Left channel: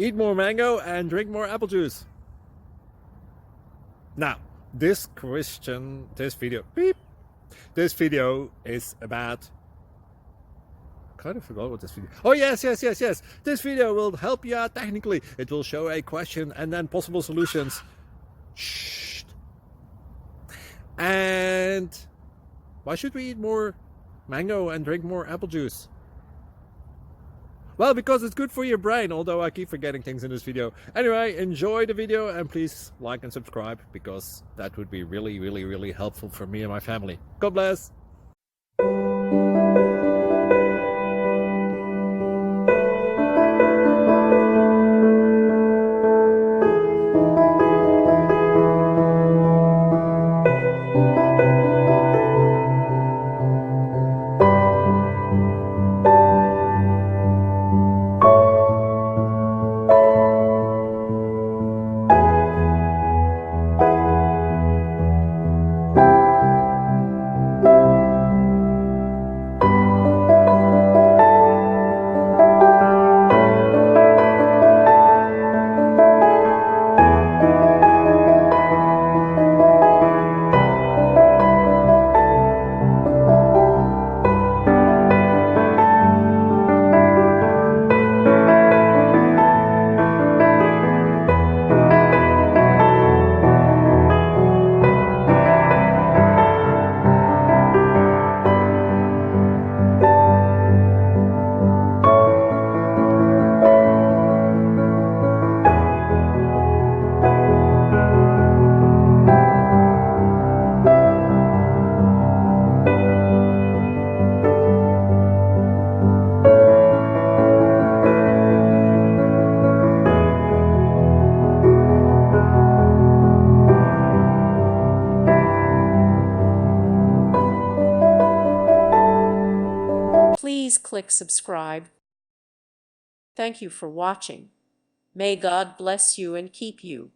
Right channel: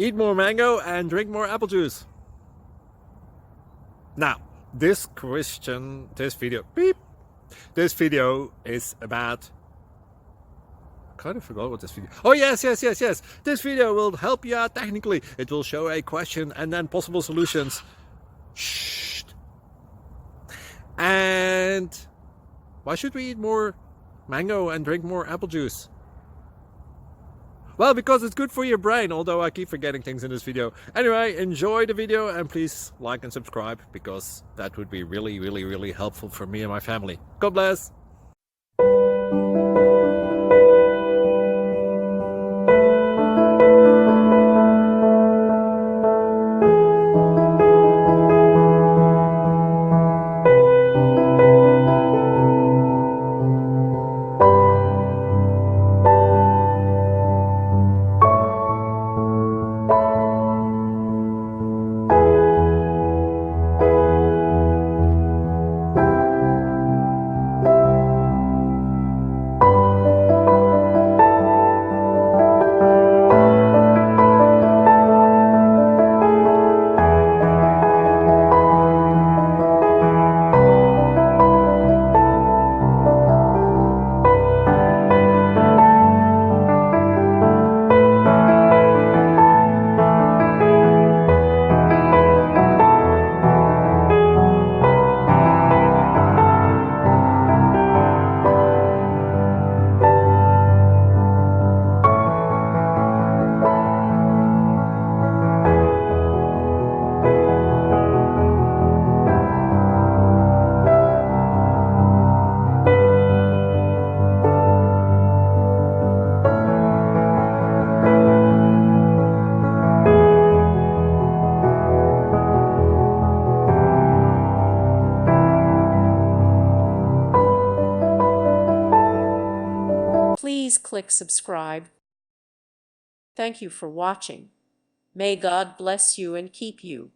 eat more mango and drink more apple juice. Now, this video is about, I kind of forgot what this video. Oh, yes. This video will help you out technically. It will show a question and then possible solutions. Shh. And why should we eat more mango and drink more apple juice? Well, because it's good for your brain, although I keep forgetting things in this video. Anyway, enjoy the video and please like and subscribe, because that would be really helpful for me and my family. God bless! Please click subscribe. Thank you for watching. May God bless you and keep you.